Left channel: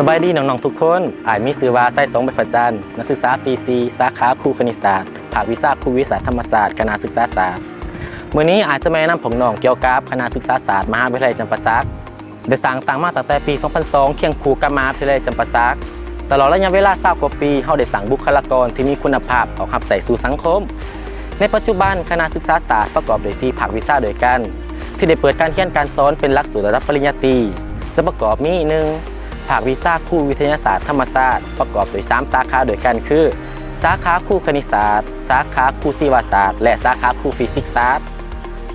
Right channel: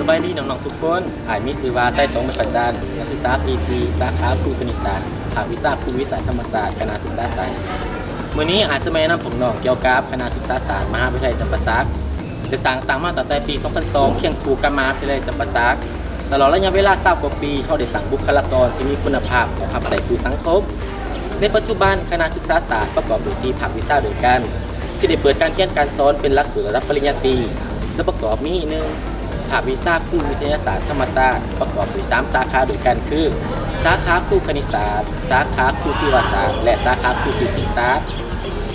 สบายดีน้องๆทุกคนมีชื่อว่าไส้สงประจันนักศึกษาปีซีสาขาครูคณิตศาสตร์ภาควิชาครูวิทยาธรรมศาสตร์คณะศึกษาศาสตร์มื้อนี้อาจจะมาแนะนำผมน้องเกี่ยวกับคณะศึกษาศาสตร์มหาวิทยาลัยจำปาสักได้สร้างตั้งมาตั้งแต่ปี 2002 เคียงคู่กับมหาวิทยาลัยจำปาสักตลอดระยะเวลา20 กว่าปีเฮาได้สร้างบุคลากรที่มีคุณภาพเอาขับใส่สู่สังคมในปัจจุบันคณะศึกษาศาสตร์ประกอบด้วย4ภาควิชาด้วยกันที่ได้เปิดการเรียนการสอนเป็นหลักสูตรระดับปริญญาตรีจะประกอบมี1ภาควิชาครูวิทยาศาสตร์ธรรมศาสตร์ประกอบด้วย3สาขาด้วยกันคือสาขาครูคณิตศาสตร์สาขาครูศิลปศาสตร์และสาขาครูฟิสิกส์ศาสตร์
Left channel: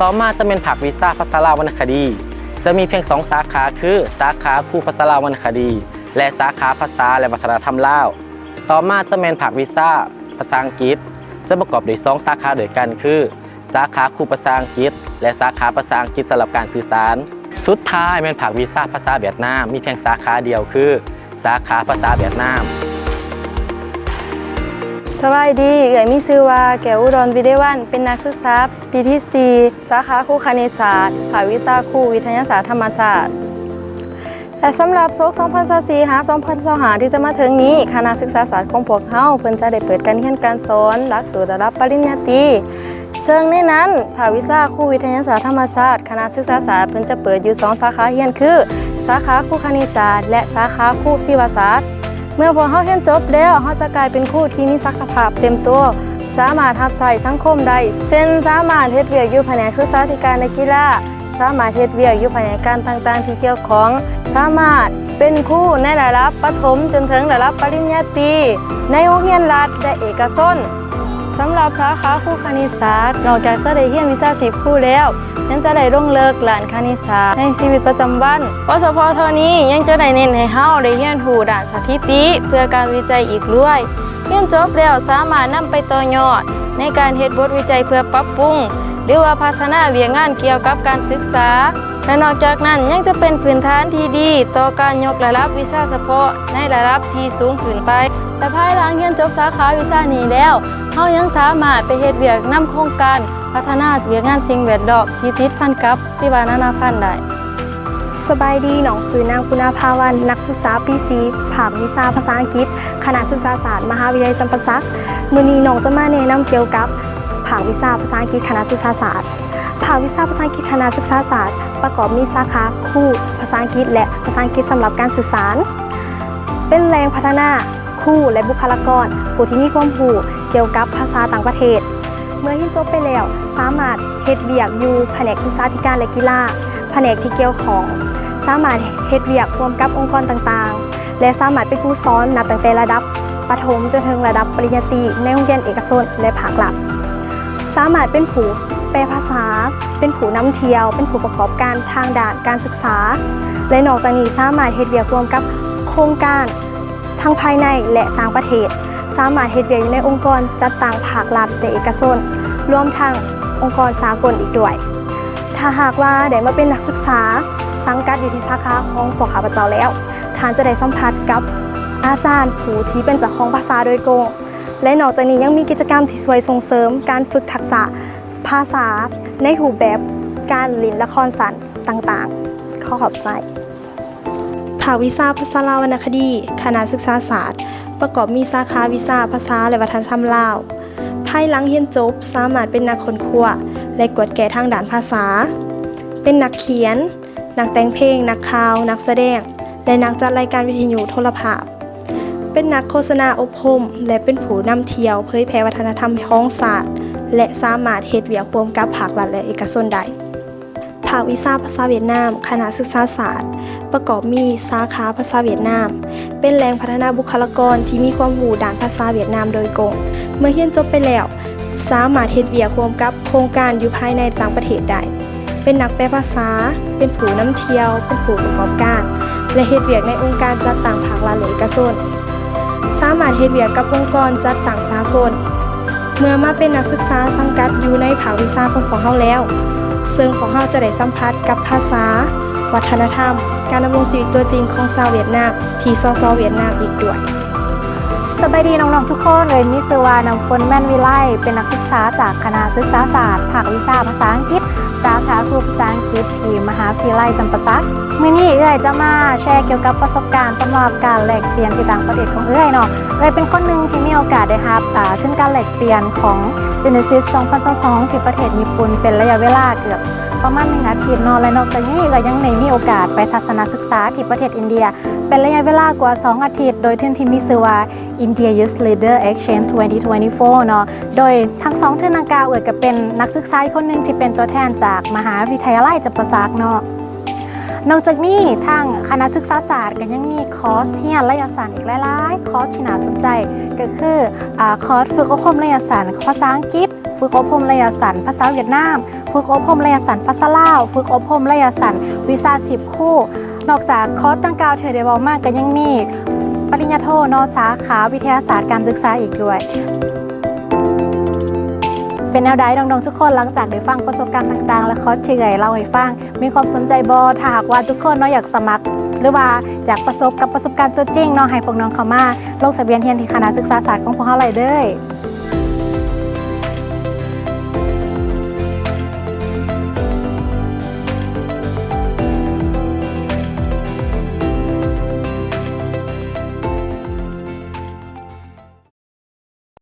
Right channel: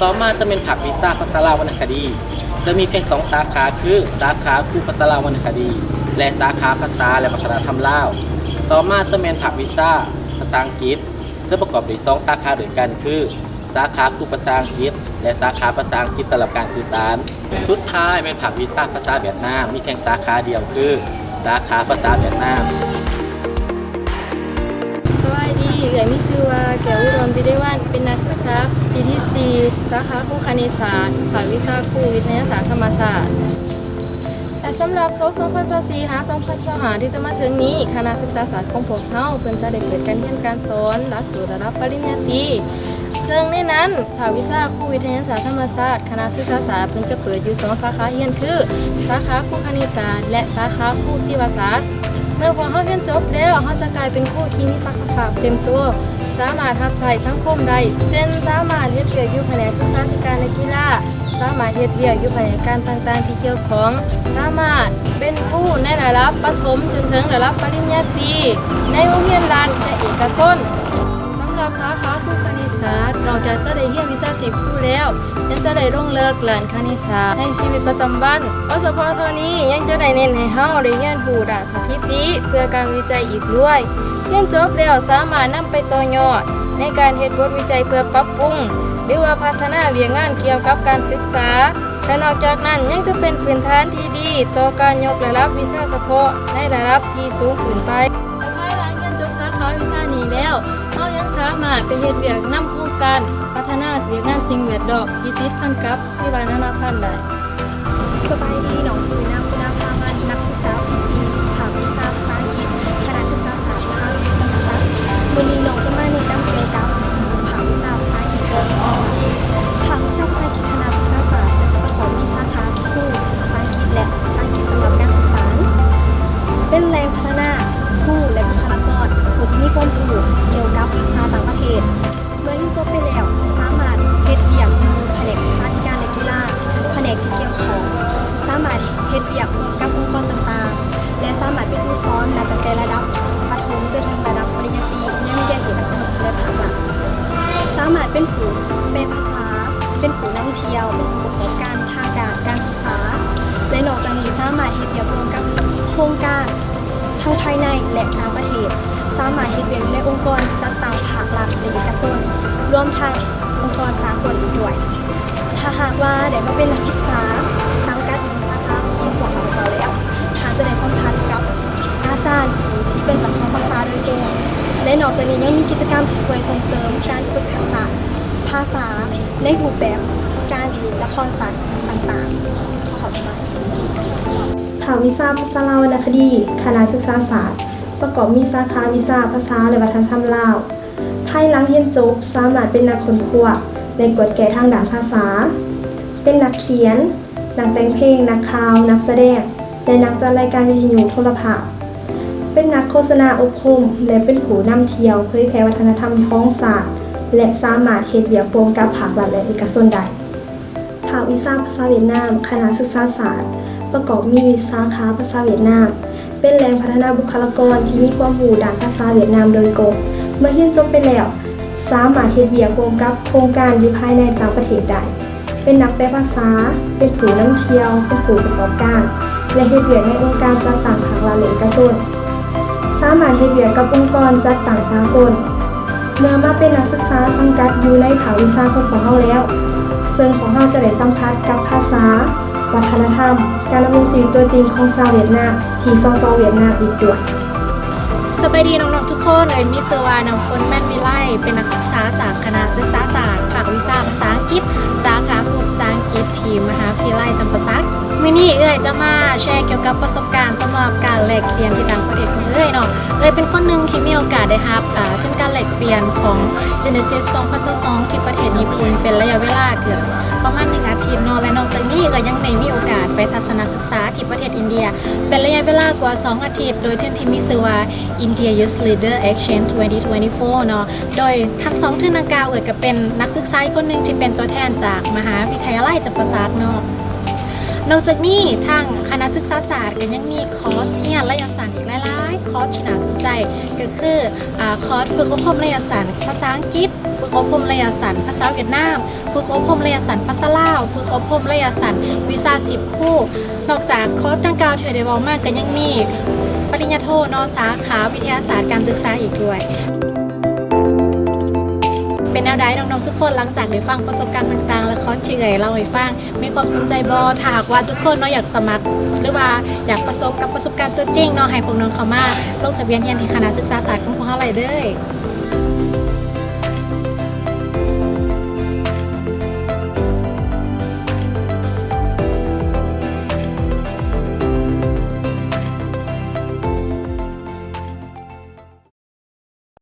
ต่อมาจะเป็นภาควิชาภาษาลาววรรณคดีจะมีเพียง2สาขาคือสาขาครูภาษาลาววรรณคดีและสาขาภาษาและวัฒนธรรมลาวต่อมาจะเป็นภาควิชาภาษาอังกฤษจะประกอบด้วย2สาขาด้วยกันคือสาขาครูภาษาอังกฤษและสาขาภาษาอังกฤษสำหรับการสื่อสารสุดท้ายเป็นภาควิชาภาษาเวียดนามมีเพียงสาขาเดียวคือสาขาภาษาเวียดนามสวัสดีมีชื่อว่าแก้วอุดรวิเดวันเป็นนักศึกษาปีที่ 4 สาขาครูคณิตศาสตร์ภาควิชาครูวิทยาศาสตร์ธรรมศาสตร์แต่สำหรับศก 2024 หา 2025 ที่จะมาถึงนี้คณะศึกษาศาสตร์ของพวกเฮาเพิ่นจะได้เปิดการเรียนการสอนหลักสูตรระดับปริญญาตรีซึ่งในนั้นภาควิชาครูวิทยาศาสตร์ธรรมศาสตร์คณะศึกษาศาสตร์เพิ่นจะเปิดอยู่2สาขาเรียนคือสาขาครูคณิตศาสตร์และสาขาครูศิลปศาสตร์เมื่อพวกเฮาเรียนจบแล้วเฮาจะกลายเป็นครูที่มีศักยภาพเต็มตัวสามารถทักษะสังคมได้เช่นสามารถเฮ็ดเวียกอยู่แผนกศึกษาธิการและกีฬาสามารถเฮ็ดเวียกอยู่แผนกการต่างๆที่เกี่ยวข้องสามารถเป็นครูในระดับประถมจนถึงระดับปริญญาตรีในโรงเรียนรัฐและเอกชนสำหรับสาขาครูคณิตศาสตร์นอกจากจะได้เรียนวิชาชีพครูแล้วยังจะได้ลงเลิกหลานคณิตศาสตร์ในชีวิตประจำวันเฉพาะเท่านี้ยังจะได้เน้นให้เฮาได้เรียนรู้ด้านสถิติเพื่อการวิจัยอีกด้วยเรียนจบแล้วสามารถนำไปต่อยอดในการเฮ็ดบทวิจัยเพื่อปรับปรุงหรือว่าพัฒนาเวียงงานเกี่ยวกับการศึกษาและนอกจากนั้นยังจะเป็นพื้นฐานที่ดีต่อการยกระดับวิชาเฉพาะในระดับที่สูงขึ้นไปแต่ภายหลังเรียนจบสาขาวิชานี้แล้วเฮายังสามารถไปเฮ็ดเวียกนำโครงการพัฒนาเวียงงานสิ่งแวดล้อมที่ติดพันกับชีวนานาพันธุ์ได้สบายดีหนองสือนางคุณภาวันนักศึกษาปีซีภาควิชาภาษาอังกฤษคณะศึกษาศาสตร์มหาวิทยาลัยจำปาสักมื้อนี้น้องจะมาแนะนำเกี่ยวกับภาควิชาภาษาอังกฤษคณะศึกษาศาสตร์ภาควิชาภาษาอังกฤษคณะศึกษาศาสตร์ประกอบมีสาขาครูภาษาอังกฤษและภาษาอังกฤษสำหรับการสื่อสารเป็นแรงพัฒนาครูและบุคลากรผู้ที่มีความรู้เกี่ยวกับภาษาต่างประเทศเมื่อเรียนจบไปแล้วสามารถเฮ็ดเวียกอยู่แผนกศึกษาธิการและกีฬาแผนกที่เกี่ยวของสามารถเฮ็ดเวียกร่วมกับองค์กรต่างๆและสามารถเป็นครูสอนนับตั้งแต่ระดับประถมจนถึงระดับปริญญาตรีในโรงเรียนเอกชนและภาครัฐสามารถเป็นผู้แปลภาษาเป็นผู้นำเที่ยวเป็นผู้ประกอบการทางด้านการศึกษาและนอกจากนี้สามารถเฮ็ดเวียกร่วมกับโครงการทั้งภายในและต่างประเทศสามารถเฮ็ดเวียกอยู่ในองค์กรจัดตั้งภาครัฐและเอกชนรวมทั้งองค์กรสากลอีกด้วยถ้าหากว่าได้มาเป็นนักศึกษาสังกัดอยู่ที่สาขาของพวกข้าพเจ้าแล้วท่านจะได้สัมผัสกับอาจารย์ผู้ที่เป็นเจ้าของภาษาโดยตรงและนอกจากนี้ยังมีกิจกรรมที่ช่วยส่งเสริมการฝึกทักษะภาษาในรูปแบบการเล่นละครสัตว์ต่างๆขอบใจภาควิชาภาษาลาววรรณคดีคณะศึกษาศาสตร์ประกอบมีสาขาวิชาภาษาและวัฒนธรรมลาวภายหลังเรียนจบสามารถเป็นนักค้นคว้าและกวดแก่ทางด้านภาษาเป็นนักเขียนนักแต่งเพลงนักข่าวนักแสดงและนักจัดรายการวิทยุโทรภาพเป็นนักโฆษณาอบรมและเป็นผู้นำเที่ยวเผยแพร่วัฒนธรรมท้องศาสตร์และสามารถเฮ็ดเวียกร่วมกับภาครัฐและเอกชนได้ภาควิชาภาษาเวียดนามคณะศึกษาศาสตร์ประกอบมีสาขาภาษาเวียดนามเป็นแหล่งพัฒนาบุคลากรที่มีความรู้ด้านภาษาเวียดนามโดยตรงเมื่อเรียนจบไปแล้วสามารถเฮ็ดเวียกร่วมกับโครงการอยู่ภายในต่างประเทศได้เป็นนักแปลภาษาเป็นผู้นำเที่ยวเป็นผู้ประกอบการและเฮ็ดเวียกในองค์การจัดตั้งภาครัฐและเอกชนสามารถเฮ็ดเวียกกับองค์กรจัดตั้งสากลเมื่อมาเป็นนักศึกษาสังกัดอยู่ในภาควิชาของเฮาแล้วซึ่งของเฮาจะได้สัมผัสกับภาษาวัฒนธรรมการดำรงชีวิตตัวจริงของชาวเวียดนามที่ซอเวียดนามอีกด้วย สวัสดีน้องๆทุกคนมิสวาน้ำฝนแม่นวิไลเป็นนักศึกษาจากคณะศึกษาศาสตร์ภาควิชาภาษาอังกฤษสาขาครูภาษาอังกฤษที่มหาวิทยาลัยจำปาสัก มื้อนี้เอ้ยจะมาแชร์เกี่ยวกับประสบการณ์สำหรับการแลกเปลี่ยนที่ต่างประเทศของเอ้ยเนาะเอ้ยเป็นคนหนึ่งที่มีโอกาสได้รับถึงการแลกเปลี่ยนของ Genesis 2022ที่ประเทศญี่ปุ่นเป็นระยะเวลาเกือบประมาณ1 อาทิตย์เนาะและนอกจากนี้ก็ยังได้มีโอกาสไปทัศนศึกษาที่ประเทศอินเดียเป็นระยะเวลากว่า2 อาทิตย์โดยที่มีชื่อว่า India Youth Leader Exchange 2024 เนาะโดยทั้ง2ที่ดังกล่าวเอ้ยก็เป็นนักศึกษาคนหนึ่งที่เป็นตัวแทนจากมหาวิทยาลัยจัมปาสักเนาะนอกจากนี้ทางคณะศึกษาศาสตร์ก็ยังมีคอร์สเรียนระยะสั้นอีกหลายๆคอร์สที่น่าสนใจก็คือคอร์สฝึกอบรมระยะสั้นภาษาอังกฤษฝึกอบรมระยะสั้นภาษาเวียดนามฝึกอบรมระยะสั้นภาษาลาวฝึกอบรมระยะสั้นวีซ่า10 คู่นอกจากคอร์สดังกล่าวที่ได้เว้ามากก็ยังมีปริญญาโทเนาะสาขาวิทยาศาสตร์การศึกษาอีกด้วยเป็นแนวใดน้องๆทุกคนหลังจากได้ฟังประสบการณ์ต่างๆและคอร์สที่เอ่ยเล่าให้ฟังมีความสนใจบ่ถ้าหากว่าทุกคนเนาะอยากสมัครหรือว่าอยากประสบกับประสบการณ์ตัวจริงเนาะให้พวกน้องเข้ามาลงทะเบียนเรียนที่คณะศึกษาศาสตร์ของพวกเราเลยเด้อ